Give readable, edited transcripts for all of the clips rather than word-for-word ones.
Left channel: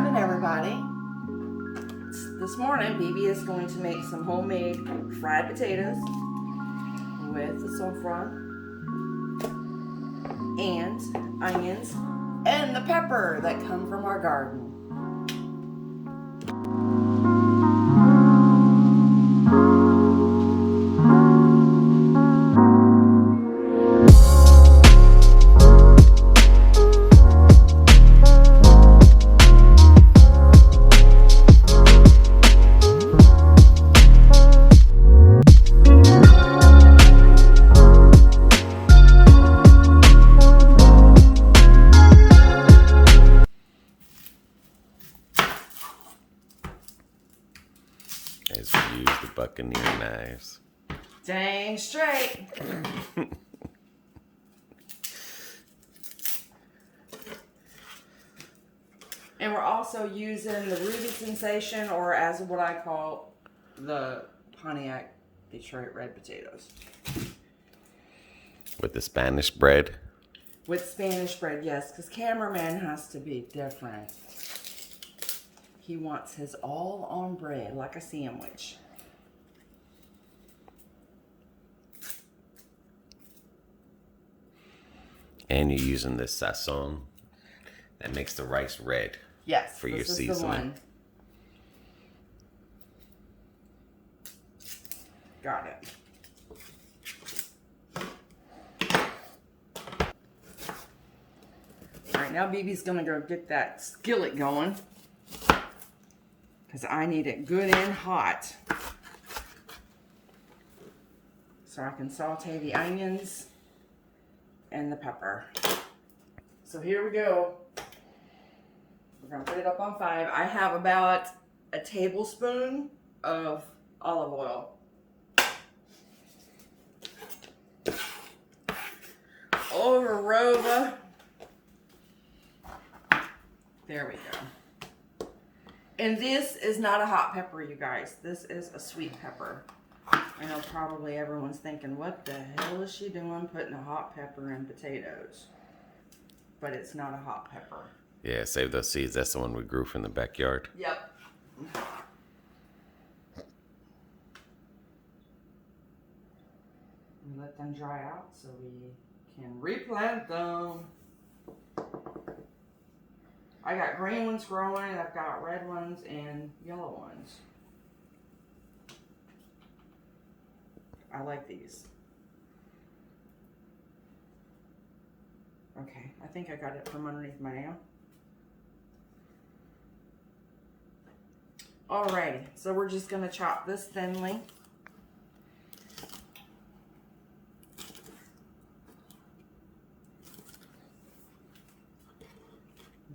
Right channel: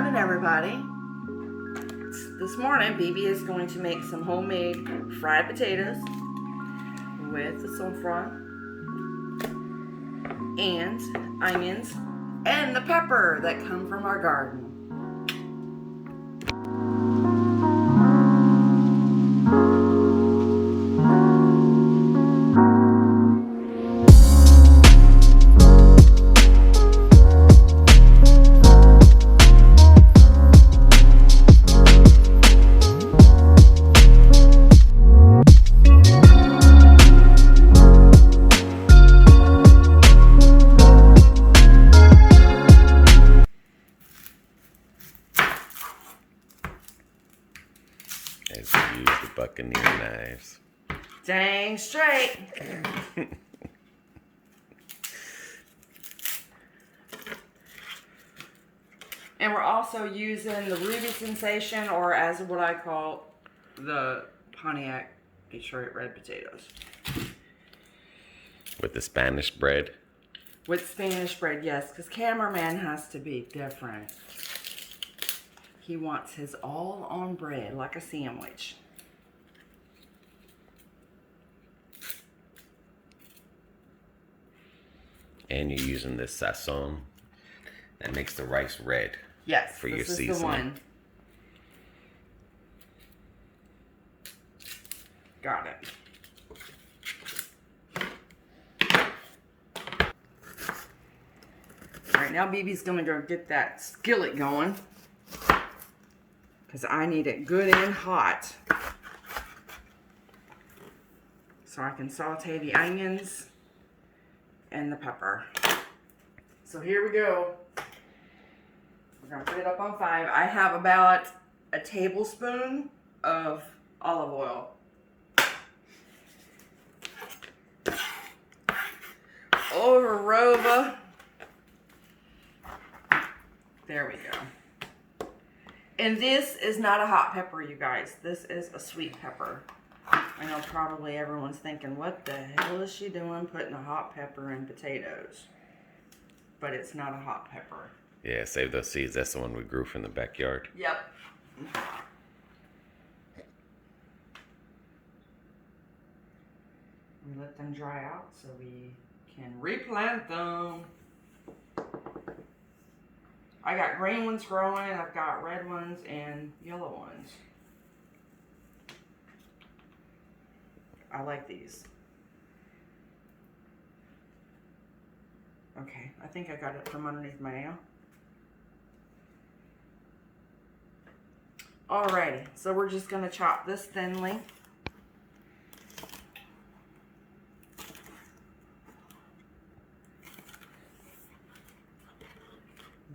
morning, everybody. This morning, BB is going to make some homemade fried potatoes with the saffron and onions and the pepper that come from our garden. As we use the Buccaneer knives. Dang straight. And we're also using the Ruby Sensation, or as what I call the Pontiac Detroit red potatoes. With the Spanish bread. With Spanish bread, yes, because cameraman has to be different. He wants his all on bread, like a sandwich. And you're using this Sazon that makes the rice red. Yes, for your this is seasoning. the one. Got it. All right, now BB's gonna go get that skillet going because I need it good and hot so I can saute the onions and the pepper. So here we go. We're gonna put it up on 5. I have about a tablespoon of olive oil. Over Rova. There we go. And this is not a hot pepper, you guys. This is a sweet pepper. I know probably everyone's thinking, what the hell is she doing putting a hot pepper in potatoes? But it's not a hot pepper. Yeah, save those seeds. That's the one we grew from the backyard. Yep. We let them dry out so we can replant them. I got green ones growing, I've got red ones and yellow ones. I like these. Okay, I think I got it from underneath my nail. Alrighty, so we're just gonna chop this thinly.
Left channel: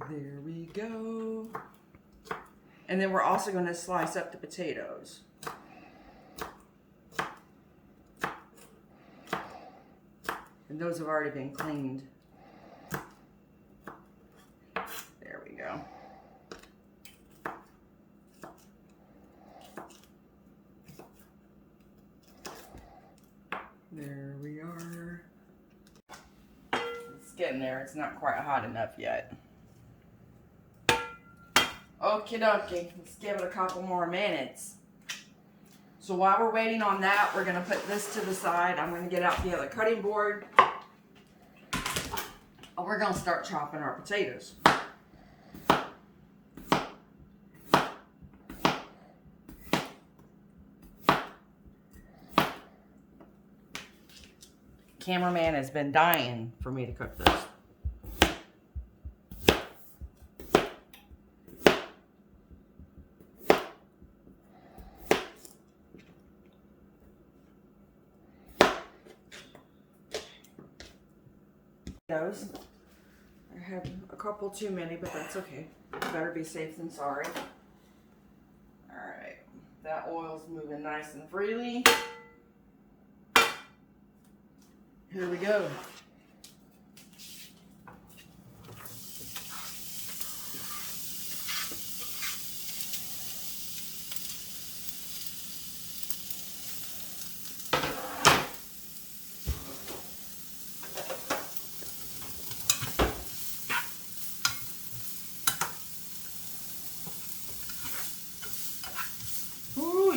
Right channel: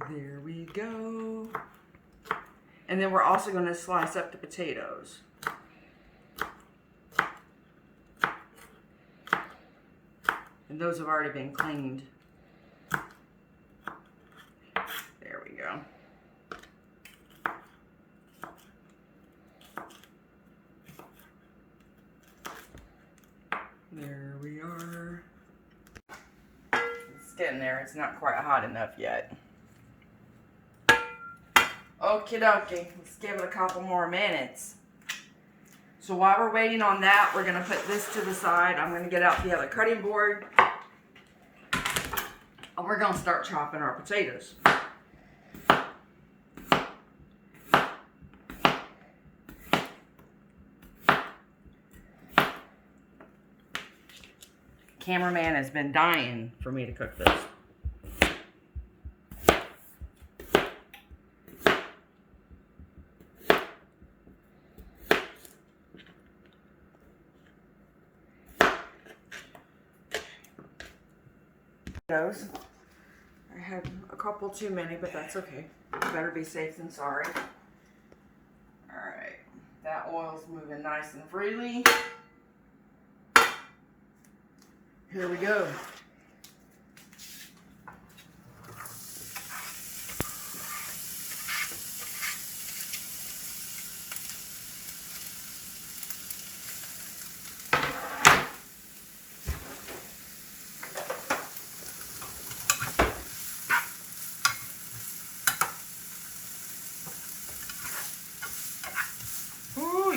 There we go. And then we're also going to slice up the potatoes. And those have already been cleaned. There we go. There we are. It's getting there. It's not quite hot enough yet. Okie dokie, let's give it a couple more minutes. So while we're waiting on that, we're going to put this to the side. I'm going to get out the other cutting board. And we're going to start chopping our potatoes. Cameraman has been dying for me to cook this. I had a couple too many, but that's okay. Better be safe than sorry. Alright, that oil's moving nice and freely. Here we go.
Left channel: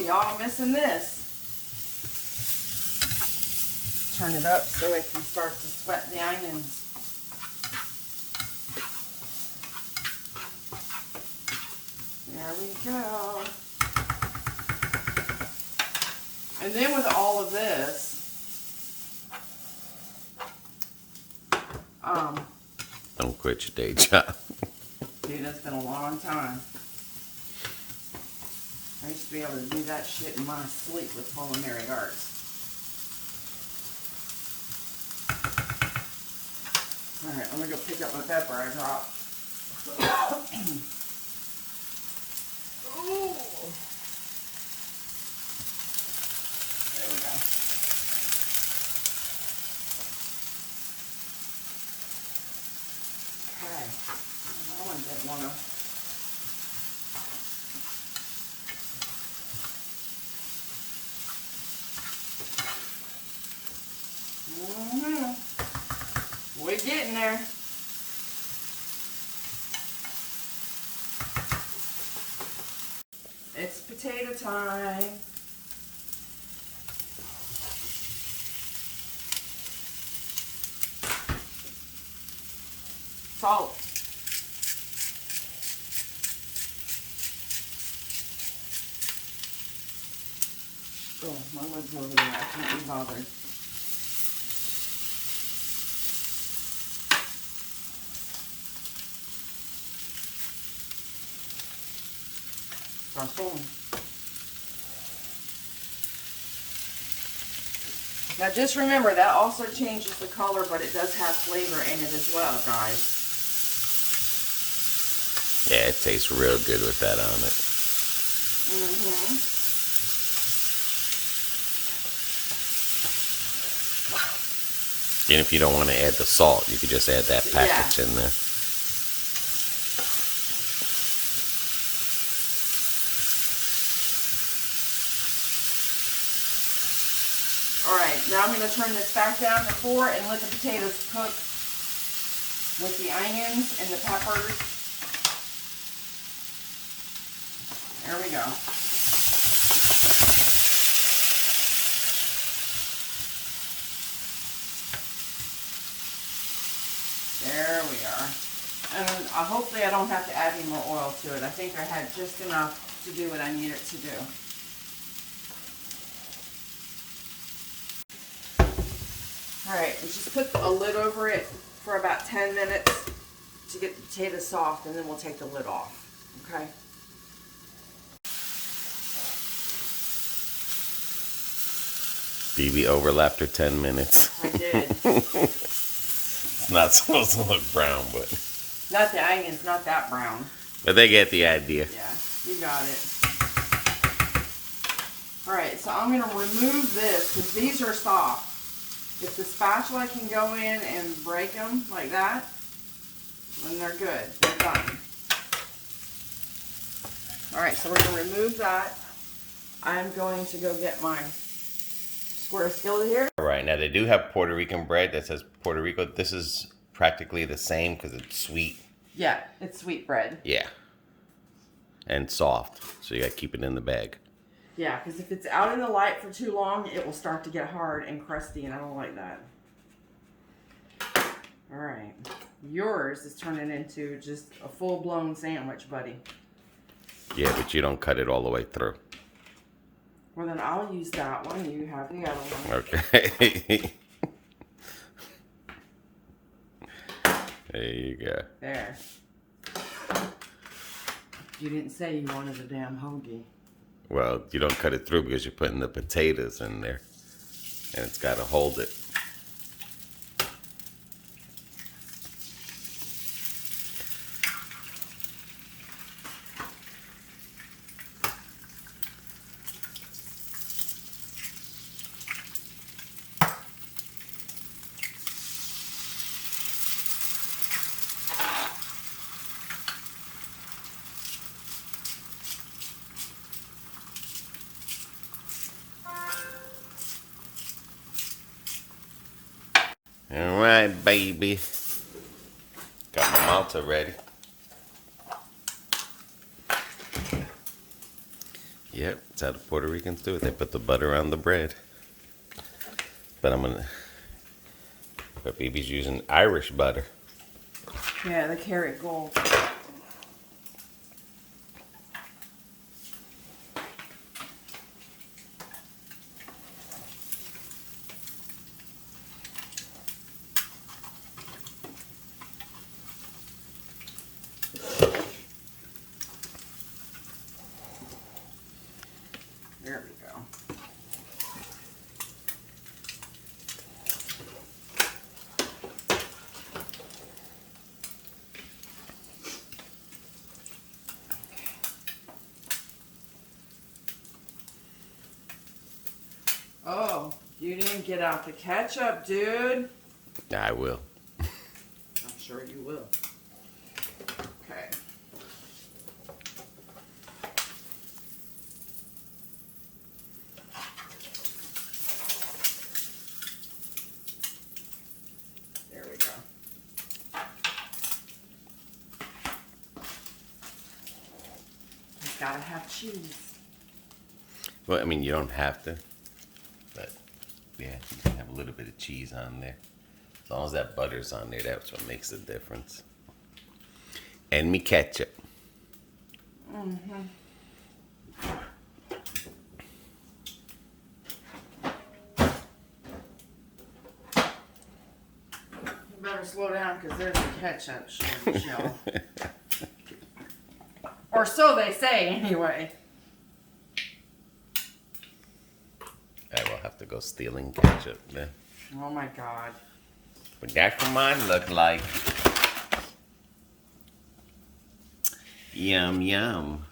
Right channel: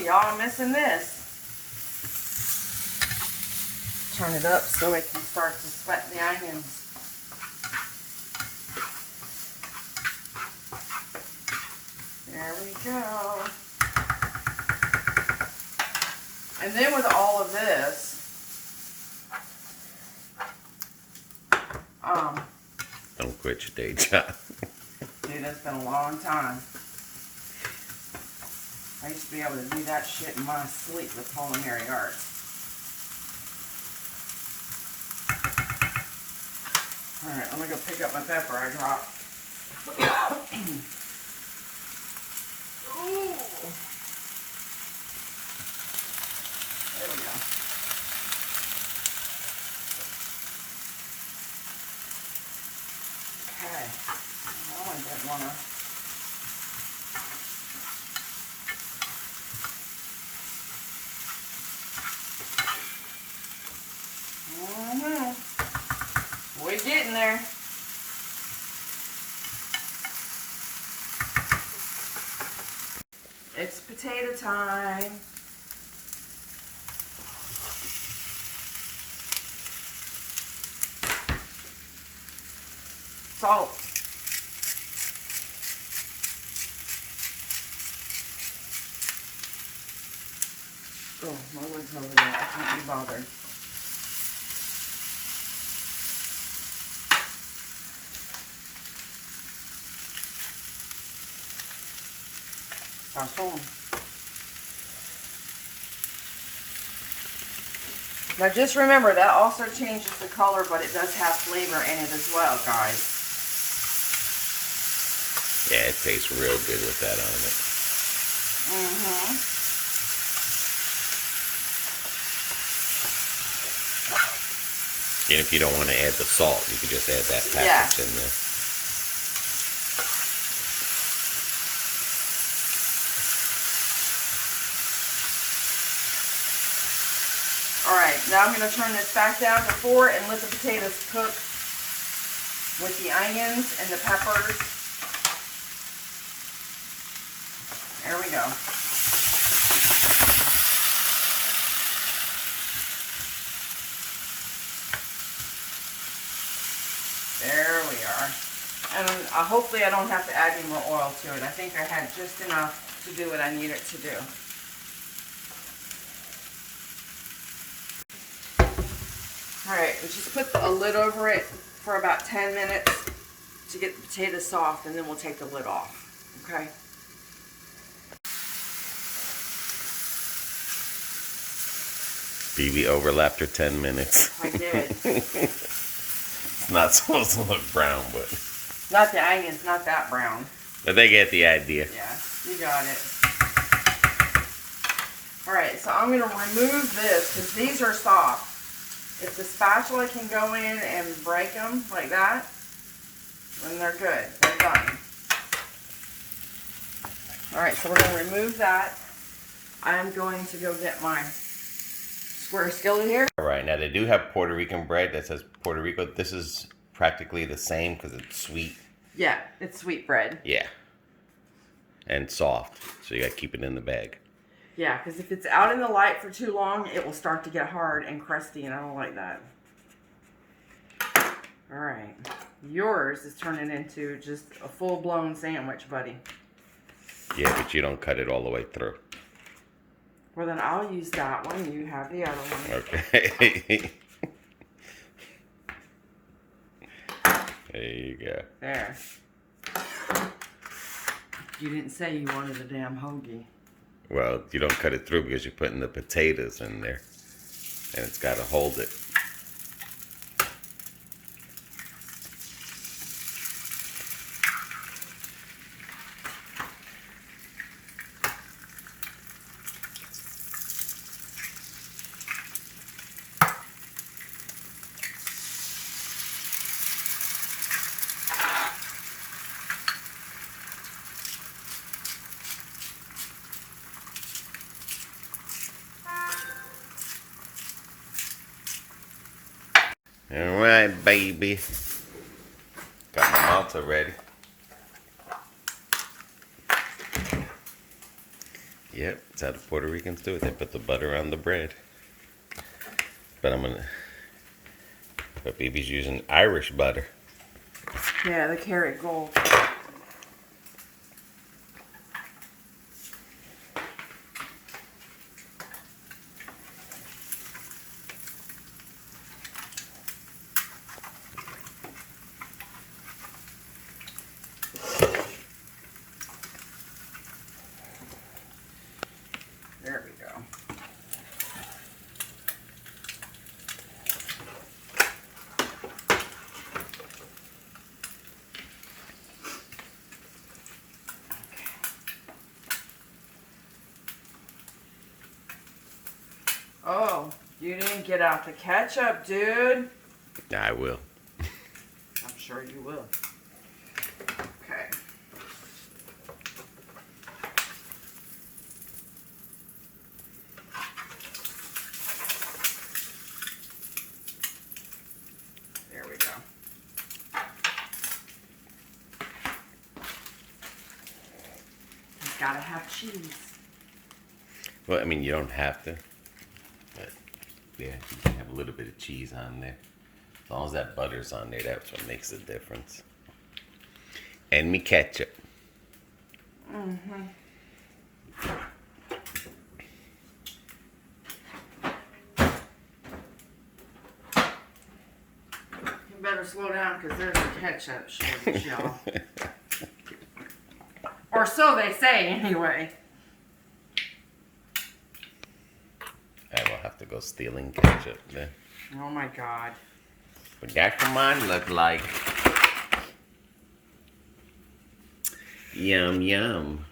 y'all missing this. Turn it up so it can start to sweat the onions. There we go. And then with all of this, don't quit your day job. dude, it's been a long time. I used to be able to do that shit in my sleep with culinary arts. Alright, I'm gonna go pick up my pepper I dropped. Ooh. There we go. Okay. Well, I didn't want to. We're getting there. It's potato time. Salt. Oh, my leg's over there. I can't be bothered. Sazon. Now just remember, that also changes the color, but it does have flavor in it as well, guys. Yeah, it tastes real good with that on it. And if you don't want to add the salt, you could just add that package in there. Alright, now I'm going to turn this back down to 4 and let the potatoes cook with the onions and the peppers. There we go. There we are. And hopefully I don't have to add any more oil to it. I think I had just enough to do what I need it to do. Alright, we just put a lid over it for about 10 minutes to get the potatoes soft, and then we'll take the lid off. Okay? BB overlapped her 10 minutes. I did. It's not supposed to look brown, but... Not the onions, not that brown. But they get the idea. Yeah, you got it. Alright, so I'm going to remove this because these are soft. If the spatula can go in and break them like that, then they're good. They're done. Alright, so we're going to remove that. I'm going to go get my square skillet here. Alright, now they do have Puerto Rican bread that says Puerto Rico. This is practically the same because it's sweet. Yeah, it's sweet bread. Yeah. And soft. So you got to keep it in the bag. Yeah, because if it's out in the light for too long, it will start to get hard and crusty, and I don't like that. Alright. Yours is turning into just a full-blown sandwich, buddy. Yeah, but you don't cut it all the way through. Well, then I'll use that one. You have the other one. Okay. There you go. There. You didn't say you wanted a damn hoagie. Well, you don't cut it through because you're putting the potatoes in there. And it's got to hold it. All right, baby. Got my malta ready. Yep, it's how the Puerto Ricans do it. They put the butter on the bread. But but BB's using Irish butter. Yeah, the carrot gold. There we go. Oh, you didn't get out the ketchup, dude. I will. I'm sure you will. Okay. There we go. It's gotta have cheese. Well, I mean, you don't have to. But, yeah, you can have a little bit of cheese on there. As long as that butter's on there, that's what makes the difference. And me ketchup. Mm-hmm. You better slow down because there's a ketchup shortage, y'all. Or so they say, anyway. I will have to go stealing ketchup then. Oh my God. But that's what mine look like. Yum, yum.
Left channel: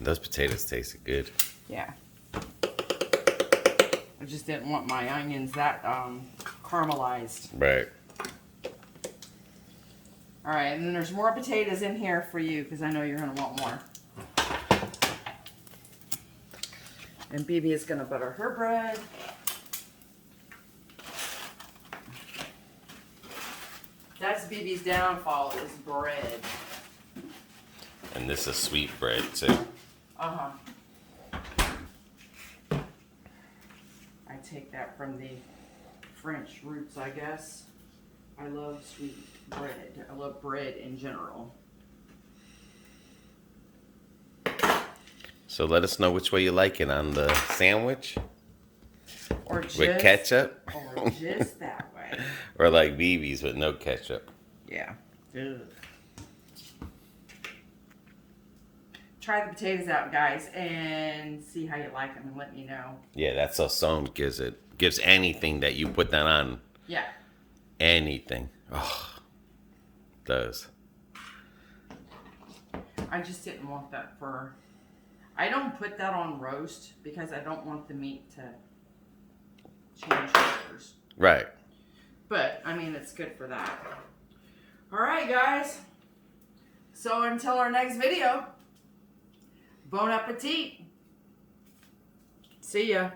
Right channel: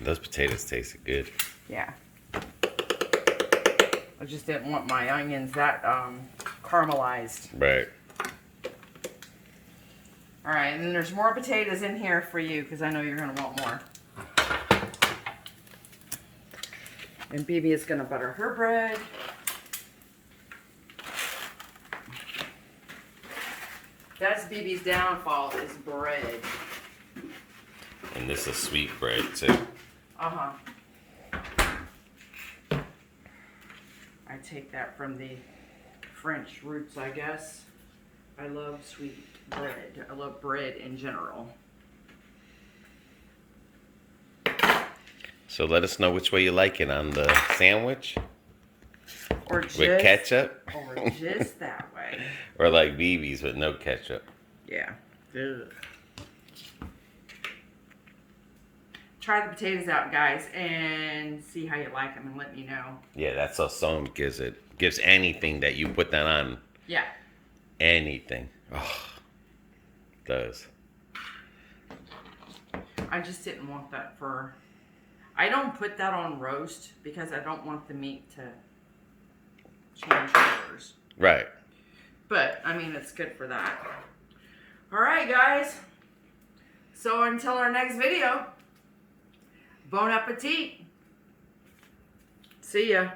Those potatoes tasted good. Yeah. I just didn't want my onions that caramelized. Right. All right, and then there's more potatoes in here for you because I know you're going to want more. And BB is going to butter her bread. That's BB's downfall is bread. And this is sweet bread too. Uh-huh. I take that from the French roots, I guess. I love sweet bread. I love bread in general. So let us know which way you like it, on the sandwich Or just, with ketchup, or just that way. or like BB's with no ketchup. Yeah. Ugh. Try the potatoes out, guys, and see how you like them and let me know. Yeah, that's Sazon gives anything that you put that on. Yeah. Anything. Oh, does. I just didn't want that for... I don't put that on roast because I don't want the meat to change colors. Right. But, I mean, it's good for that. Alright, guys. So, until our next video, bon appetit. See ya.